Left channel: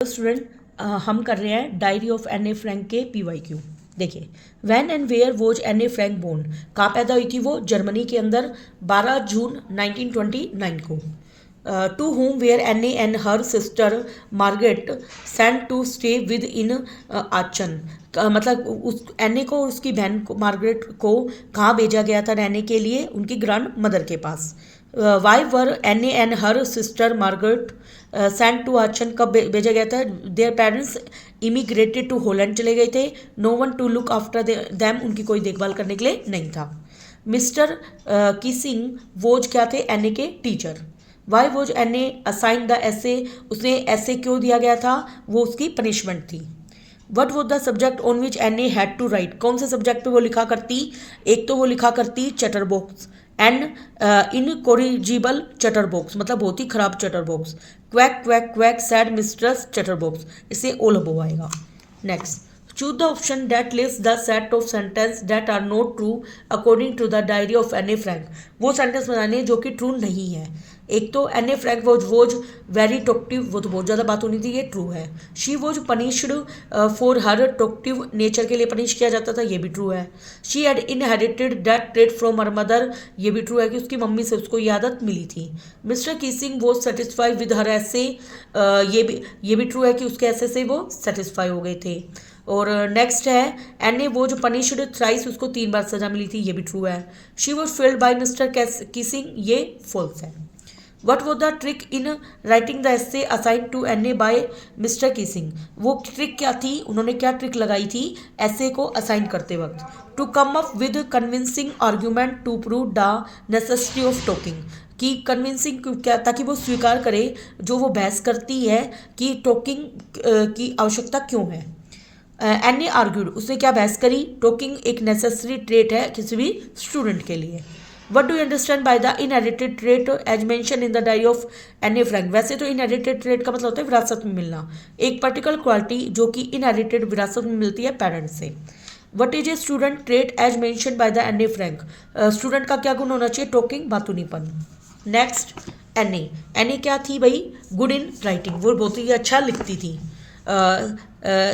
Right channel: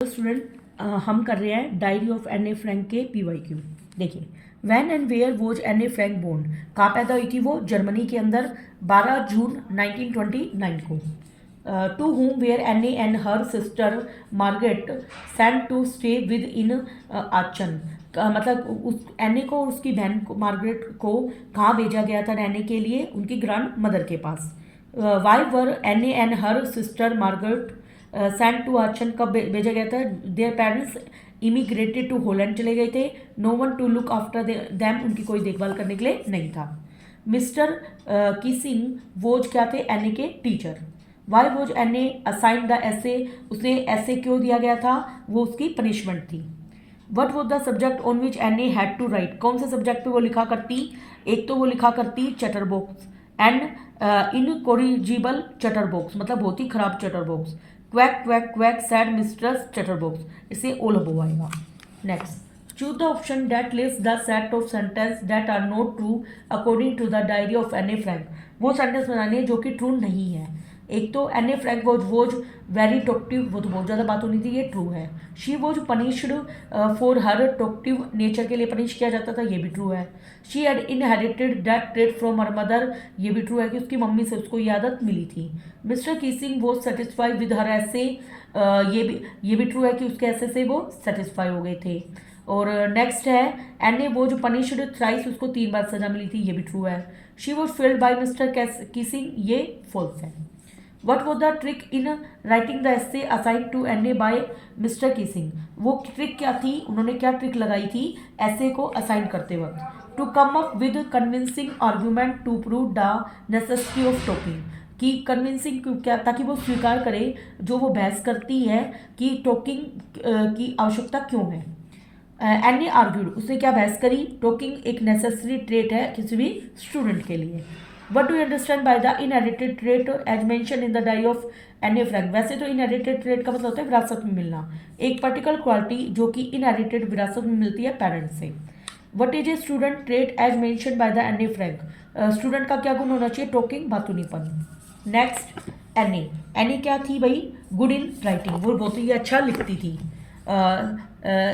Student हम कर रहे हैं diary of Anne Frank के PYQ। देखिए, when and where was Anne Frank born, कहाँ पैदा हुई थी वो? जर्मनी के अंदर 12 जून 1929 को। To home where Anne and her sister Margaret sent to stay with in Aachen. मतलब उस एन ए को और उसकी बहन को मार्गरेट को कहाँ भेजा गया था रहने के लिए? उनकी ग्रैंड मदर के पास। Why were Anne and her sister Margaret sent to Aachen, कब भेजा गया था? Their parents immigrated to Holland चले गए थे। No one to look after them, उनकी कोई देखभाल करने के लिए नहीं था। मिस्टर किसिंग वोज क्या थे? एन ए के teacher. Why was Anne assign the essay, उसे ऐसे क्यों दिया गया था? वो उसकी पनिशमेंट थी। What was the subject on which Anne had to write, कौन से सब्जेक्ट पे वो लिखा करती? एक तो वो लिखा करती चटर बॉक्स एंड इनकोरिजिबल चटर बॉक्स, मतलब बहुत ही खराब chatterbox. Quack quack quack said mistress chatterbox, इससे ओ लबो आएगा। Next, choose the option that lists the set of sentence that are not true according to the diary of Anne Frank. वो sentence बनाने जो कि true नहीं है। एक तो Anne Frank was very talkative, वो तो बहुत ज़्यादा बात होनी थी, ये ट्रू है। She was punished for her talkative nature, के लिए पनिश किया जाता था, ये भी ट्रू है। She had inherited that trait from her mother, ये भी ट्रू है कि उसकी मम्मी से उसको ये आदत मिली थी। Mister Keesing was satisfied with her ऐसे, ये भी ट्रू है कि उसके ऐसे से वो सेटिस्फाई हो गए थे। और नेक्स्ट है एन ए वो जो पनिश्ड थ्राइस, उसको 3 बार सजा मिली थी, ये भी ट्रू है। She was failed by mister Keesing, ये फॉल्स है। What was the trick in writing the essay assign to Anne by mister Keesing, वो ट्रिक क्या थी? उन्होंने क्या ट्रिक लगाई थी एसे को असाइन करते वक्त? To come up with convincing argument to prove the necessity of talking, कि कन्विंसिंग क्या, ताकि वो स्वीकार करे जो वो बहस करती है कि टॉकिंग की आवश्यकता क्यों है। एन ए आर्ग्यूड, उसने क्या बहस करी? टॉकिंग एक नेसेसरी ट्रेट है किसी भी स्टूडेंट के लिए। What do you understand by the inherited trait as mention in the diary of Anne Frank? वैसे तो इनहेरिटेड ट्रेट का मतलब होता है विरासत में मिलना, एक पर्टिकुलर क्वालिटी जो कि इनहेरिटेड विरासत में मिलती है पेरेंट्स से। What is a student trait as mention by the Anne Frank? Student का क्या गुण होना चाहिए? टॉकिंग, बातूनीपन। नेक्स्ट, एन ए क्या थी भाई? गुड इन राइटिंग, वो बहुत ही अच्छा लिखती थी।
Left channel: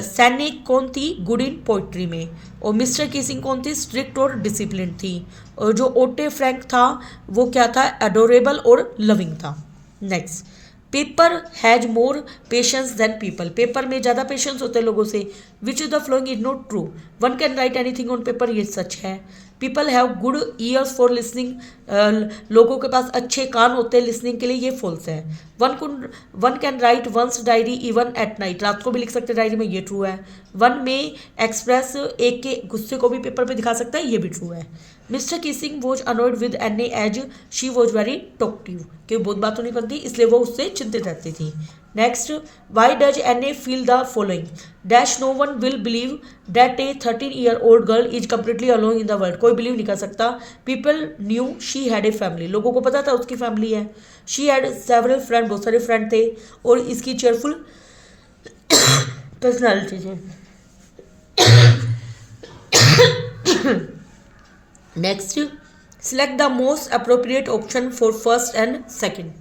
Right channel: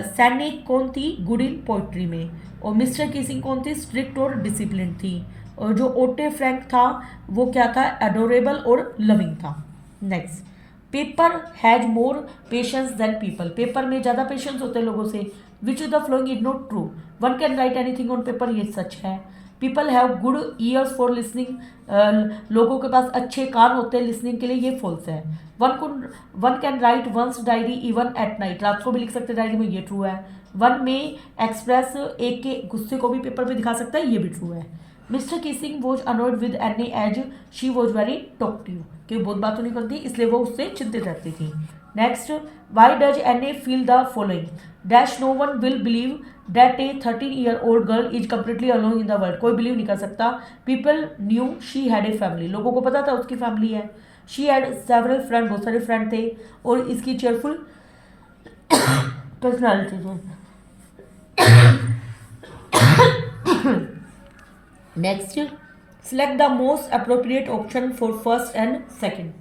सैनिक कौन थी? गुड इन पोइट्री में। और मिस्टर किसिंग कौन थी? स्ट्रिक्ट और डिसिप्लिन थी। और जो ओटे फ्रैंक था वो क्या था? एडोरेबल और लविंग था। Next, paper has more patience than people, paper में ज़्यादा पेशेंस होते हैं लोगों से। Which of the following is not true? One can write anything on paper, ये सच है। People have good ears for listening, लोगों के पास अच्छे कान होते हैं लिसनिंग के लिए, ये फॉल्स है। One can write one's diary even at night, रात को भी लिख सकते हैं डायरी में, ये ट्रू है। वन में एक्सप्रेस, एक के गुस्से को भी पेपर पे दिखा सकता है, ये भी ट्रू है। Mister Keesing was annoyed with Anne as she was very talkative, क्योंकि बहुत बातों नहीं करती इसलिए वो उससे चिंतित रहती थी। Next, why does Anne feel the following dash no one will believe that a 13-year old girl is completely alone in the world, कोई बिलीव नहीं कर सकता। People knew she had a family, लोगों को पता था उसकी family है। शी हैड सेवरल फ्रेंड, बहुत सारे फ्रेंड थे। और इसकी चेयरफुल पर्सनैलिटी थी। Next, select the most appropriate option for first and second.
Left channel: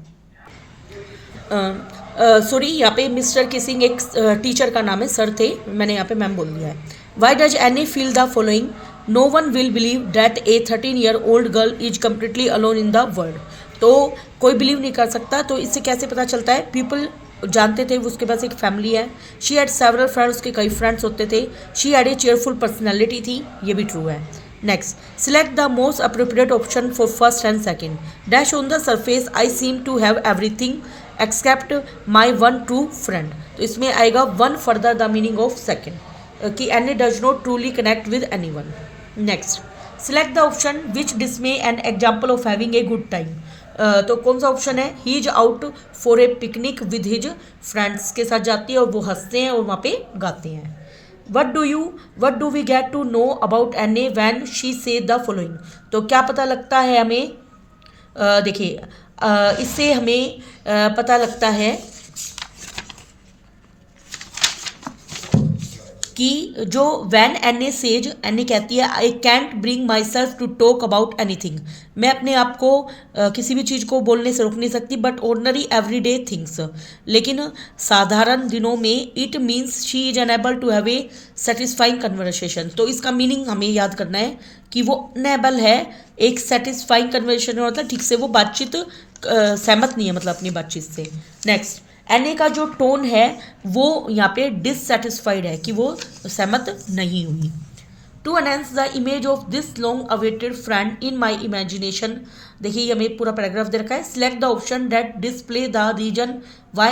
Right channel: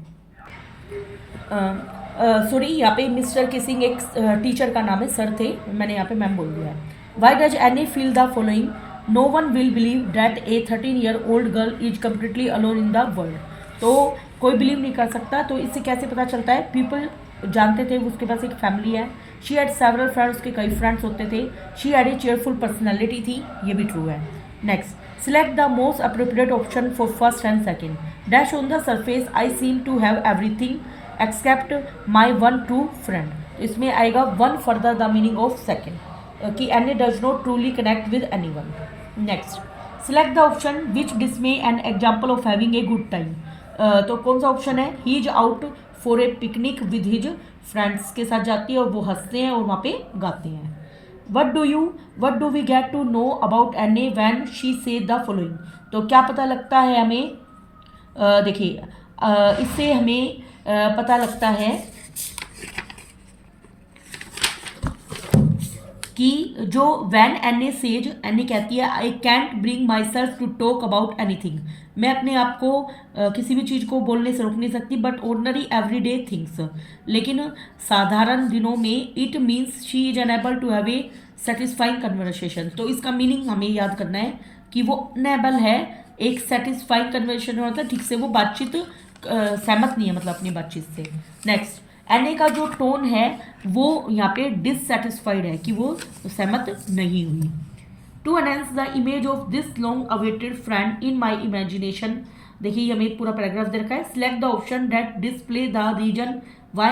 Sorry, यहाँ पे मिस्टर किसिंग एक टीचर का नाम है, सर थे, मैंने यहाँ पे मैम बोल दिया है। Why does Anne feel the following? No one will believe that a 13-year old girl is completely alone in the world, तो कोई बिलीव नहीं कर सकता। तो इससे कैसे पता चलता है? पीपल जानते थे उसके पास एक फैमिली है। शी हैड सेवरल फ्रेंड्स, उसके कई फ्रेंड्स होते थे। She had a cheerful personality थी, ये भी ट्रू है। Next, select the most appropriate option for first and second. Dash on the surface I seem to have everything except my one true friend, तो इसमें आएगा one further the meaning of second, कि Anne does not truly connect with anyone. Next, select the option which डिसमे an example of having a good time, तो कौन सा option है? He is out for a picnic with his friends, के साथ जाती है और वो हंसते हैं और वहाँ पे गाते हैं। What do we get to know about Anne when she say the following, तो क्या पता लगता है हमें? देखिए, इससे हमें पता लगता है कि जो when Anne says, Anne कहती है I can't bring myself to talk about anything, मैं अपने आप को किसी भी चीज़ को बोलने से रोक नहीं सकती, बट ऑर्डनरी एवरीडे थिंग्स, लेकिन साधारण दिनों में it means she is unable to have a satisfying conversation. तो इसका मीनिंग हमें याद करना है कि वो अनएबल है एक सेटिस्फाइंग कन्वर्सेशन, मतलब ठीक से वो बातचीत सहमत नहीं है, मतलब अपनी बातचीत से। नेक्स्ट, एन ए का जो टोन है वो यहाँ पे डिससेटिस्फाइड है कि वो सहमत नहीं हुई। To enhance the image of this long awaited friend in my imagination, देखिए ये हमें पूरा पैराग्राफ दे रखा है। Select the option that display the reason why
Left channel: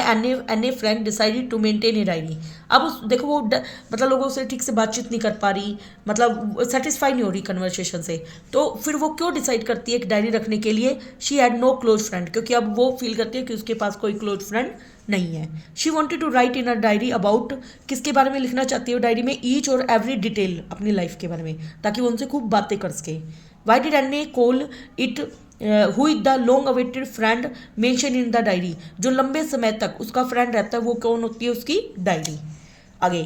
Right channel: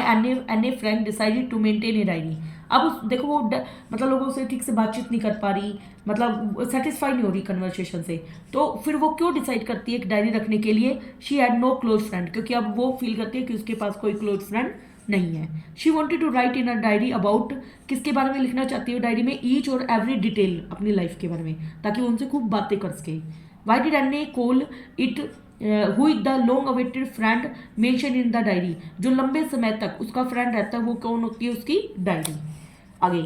Anne Frank decided to maintain a diary. अब देखो वो मतलब लोगों से ठीक से बातचीत नहीं कर पा रही, मतलब सेटिस्फाई नहीं हो रही कन्वर्सेशन से, तो फिर वो क्यों डिसाइड करती है कि डायरी रखने के लिए? She had no close friend, क्योंकि अब वो फील करती है कि उसके पास कोई क्लोज फ्रेंड नहीं है। She wanted to write in a diary about, किसके बारे में लिखना चाहती है डायरी में? ईच और एवरी डिटेल अपनी लाइफ के बारे में, ताकि वो उनसे खूब बातें कर सके। Why did Anne call it who is the long awaited friend mention in the diary, जो लंबे समय तक उसका फ्रेंड रहता है वो कौन होती है? उसकी डायरी। आगे,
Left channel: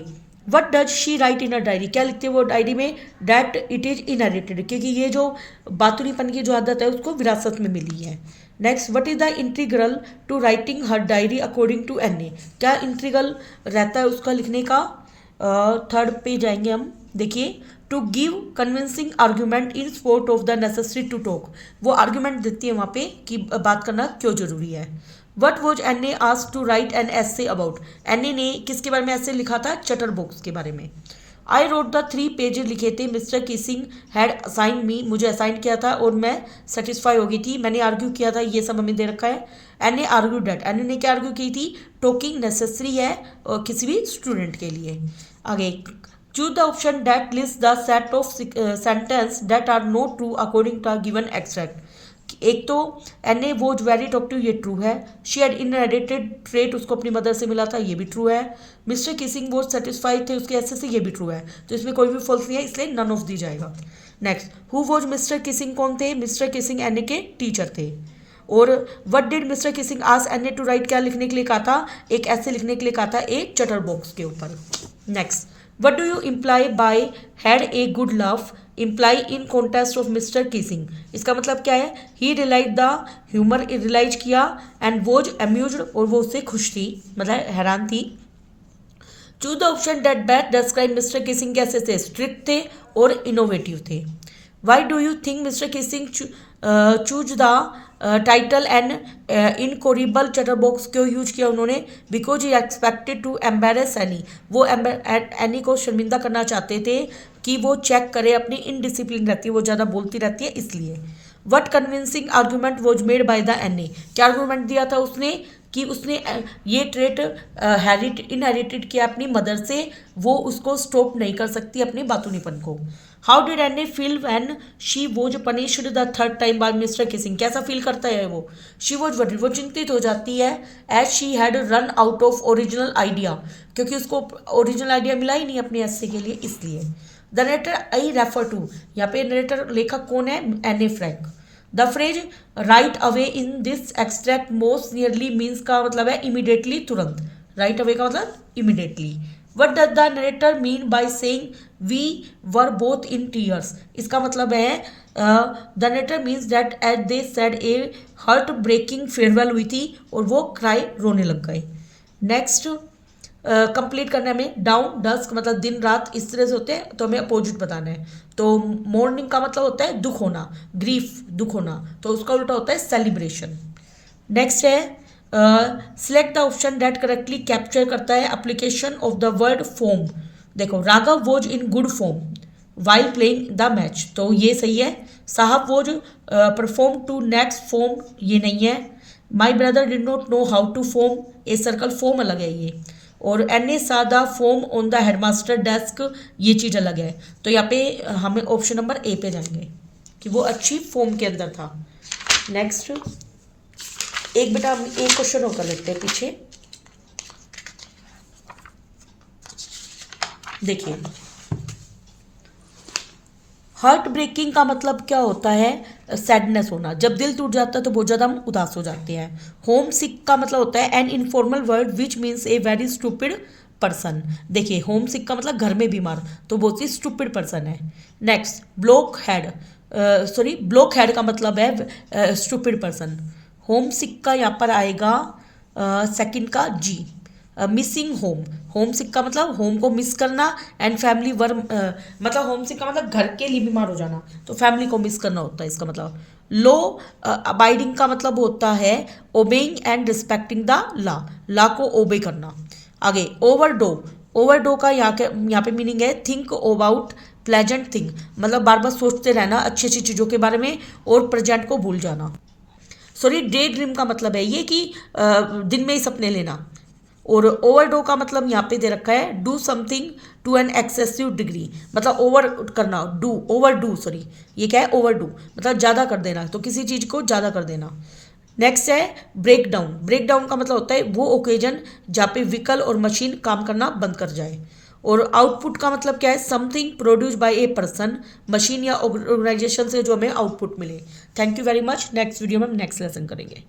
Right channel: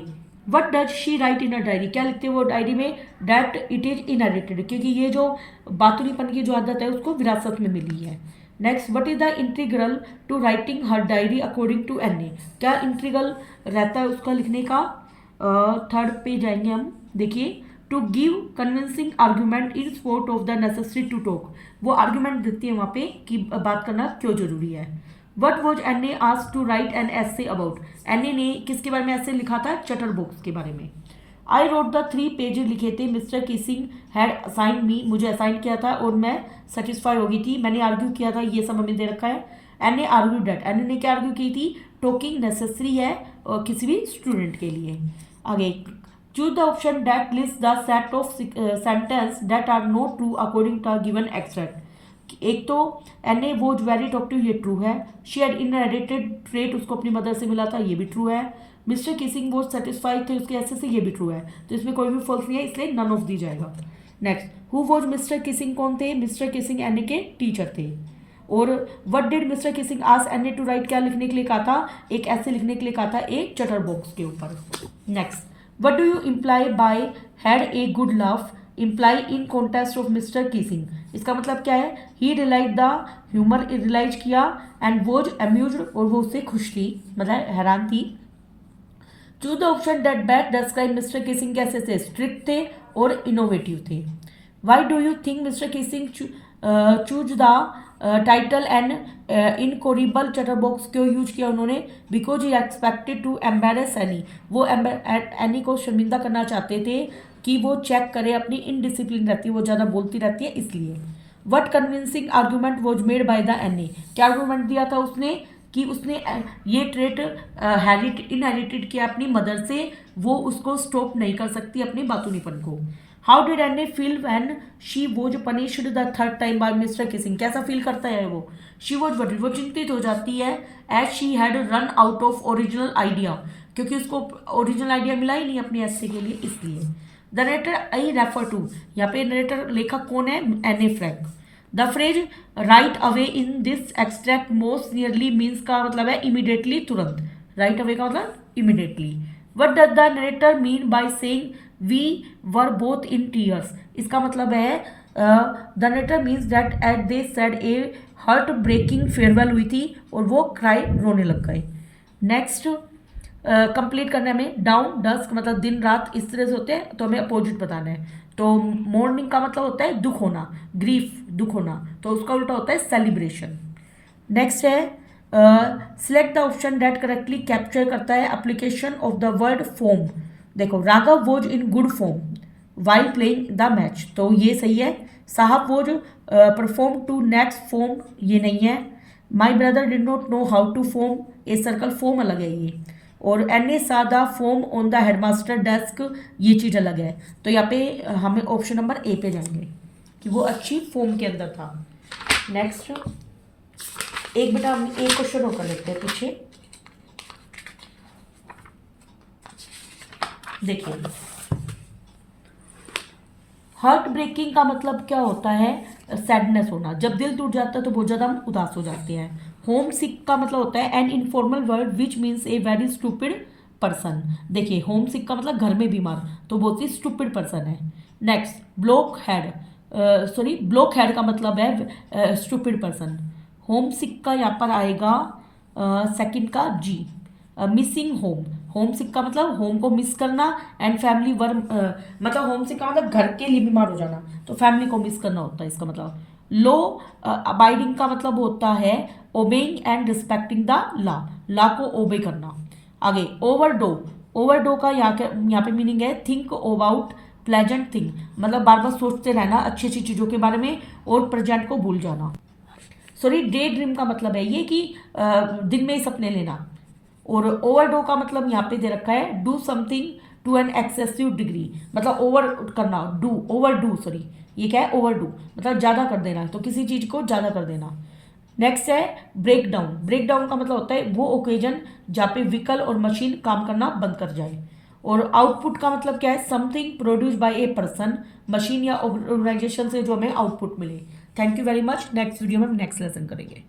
what does she write in a diary, क्या लिखते हैं वो डायरी में? डैट इट इज इनहेरिटेड, क्योंकि ये जो बातुनीपन की जो आदत है उसको विरासत में मिली है। Next, what is the integral to writing her diary according to Anne, क्या इंटीग्रल रहता है उसका लिखने का? थर्ड पे जाएंगे हम, देखिए, to give convincing argument in support of the necessary to talk, वो आर्ग्यूमेंट देती है वहाँ पे कि बात करना क्यों जरूरी है। What was Anne asked to write an essay about, Anne ने किसके बारे में ऐसे लिखा था? चटर बॉक्स के बारे में। आई रोड द 3 पेजेस लिखे थे, मिस्टर किसिंग हैड असाइन मी, मुझे असाइन किया था और मैं सेटिस्फाई हो गई थी, मैंने आर्ग्यू किया था, ये सब हमें दे रखा है। Anne argue that, Anne ने क्या आर्ग्यू की थी? टॉकिंग नेसेसरी है किसी भी स्टूडेंट के लिए। आगे, choose the option that lists the set of sentence that are not true according to given extract. एक तो Anne was very talkative, ये ट्रू है। शी हैड इनहेरिटेड ट्रेट, उसको अपनी मदर से मिला था, ये भी ट्रू है। मिस्टर किसिंग वॉज सेटिस्फाइड थे उसके ऐसे से, ये भी ट्रू है। तो इसमें कोई भी फॉल्स नहीं है, इसलिए नन ऑफ दी जाएगा। Next, who was mister Keesing, कौन थे? मिस्टर किसिंग एन ए के टीचर थे। और what did mister Keesing ask Anne to write, क्या लिखने के लिए कहा था? एक ऐसे लिखने के लिए कहा था, एक चटर बॉक्स के ऊपर। Next, what do you imply by had a good love, imply in context of Mr Keesing, इसका मतलब क्या है? He realise the humour, realise किया, एंड वॉज अम्यूज्ड, और वो उससे खुश थी, मतलब हैरान थी। Choose the option that best describe Mr Keesing, कैसे थे? स्ट्रिक्ट थे और इनोवेटिव थे। Why do you think Mr Keesing choose the title and incorrigible chatterbox, क्यों यूज किया उन्होंने? Because he expected to embarrass Annie, वो एनी को शर्मिंदा करना चाहते थे कि वो चेक करे, अपनी इनडिसिप्लिन रहती है, वो ज़्यादा बोलती रहती है, इसलिए। What convincing argument was made by the Anne, क्या आर्ग्यूमेंट दिया था उसने? कि उसने ये ट्रेट इनहेरिटेड किया अपनी मदर से, वो उसको स्टॉप नहीं कर सकती अपने बातूनीपन को। How did Anne feel when she was punished the third time by mister Keesing, कैसा फील करता है वो? शी वॉज वरीड, वो चिंतित हो जाती है। As she had run out of original idea, क्योंकि उसको ओरिजिनल आइडिया मिला ही नहीं अपने एस्से के लिए, इसलिए। The narrator I refer to, यहाँ पे नरेटर लेखक कौन है? Anne Frank. The phrase right away in this extract most nearly means का मतलब है इमीडिएटली, तुरंत। राइट अवे का मतलब immediately. What does the narrator mean by saying we were both in tears, इसका मतलब है the narrator means that at they said a heart breaking farewell हुई थी और वो क्राई, रोने लग गए। नेक्स्ट, कंप्लीट करने में, डाउन डस्क मतलब दिन रात, इस तरह से होते हैं, तो हमें अपोजिट बताना है। तो मॉर्निंग का मतलब होता है दुख होना, ग्रीफ, दुख होना, तो उसका उल्टा होता है सेलिब्रेशन। नेक्स्ट है select the option that correctly capture करता है application of the word form. देखो, Raghav was in good form while playing the match, तो ये सही है। Saheb was perform to next form, ये नहीं है। My brother did not know how to form a circle, form अलग है ये। और एन ए सादा form on the headmaster desk, ये चीज़ अलग है। तो यहाँ पे हमें ऑप्शन नंबर ए पे जाएंगे कि वो अच्छी फॉर्म के अंदर था। नेक्स्ट, एक बेटा हम एक क्वेश्चन और कर लेते हैं पीछे, देखिए। हार्ट ब्रेकिंग का मतलब क्या होता है? सैडनेस होना, जब दिल टूट जाता है तो बहुत ज़्यादा हम उदास हो जाते हैं। होम सिक का मतलब होता है an informal word which means a very stupid person. देखिए होम सिक का मतलब घर में बीमार, तो बहुत ही स्टूपिड पर्सन है। Next block head, block head का मतलब है स्टूपिड पर्सन। होम सिक का यहाँ पर आएगा सेकंड का जी। मिसिंग होम, होम सिक का मतलब होम को मिस करना एंड फैमिली वर्म, मतलब होम सिक का मतलब घर के लिए बीमार हो जाना, तो फैमिली को मिस करना होता है इसका मतलब। लो अबाइडिंग का मतलब होता है obeying and respecting the law को ओबे करना। आगे ओवरडो, ओवरडो का यहाँ पे मीनिंग है थिंक अबाउट प्लेजेंट थिंग, मतलब बार बार सोचते रहना अच्छी अच्छी चीज़ों के बारे में और प्रेजेंट को भूल जाना। डे ड्रीम का मतलब है ये कि दिन में ही सपने लेना। और ओवरडो का मतलब यहाँ पे दे रखा है do something to an excessive degree, मतलब ओवर करना, ये क्या है ओवर डू, मतलब ज़्यादा कर देना, तो किसी चीज़ को ज़्यादा कर देना। नेक्स्ट है ब्रेक डाउन, ब्रेक डाउन का मतलब होता है वो ओकेजन जहाँ पे व्हीकल और मशीन काम करना बंद कर जाए। और आउटपुट का मतलब क्या है something produce by a person, machine या ऑर्गेनाइजेशन से जो हमें आउटपुट मिले। Thank you very much. Next video में हम नेक्स्ट लेसन करेंगे।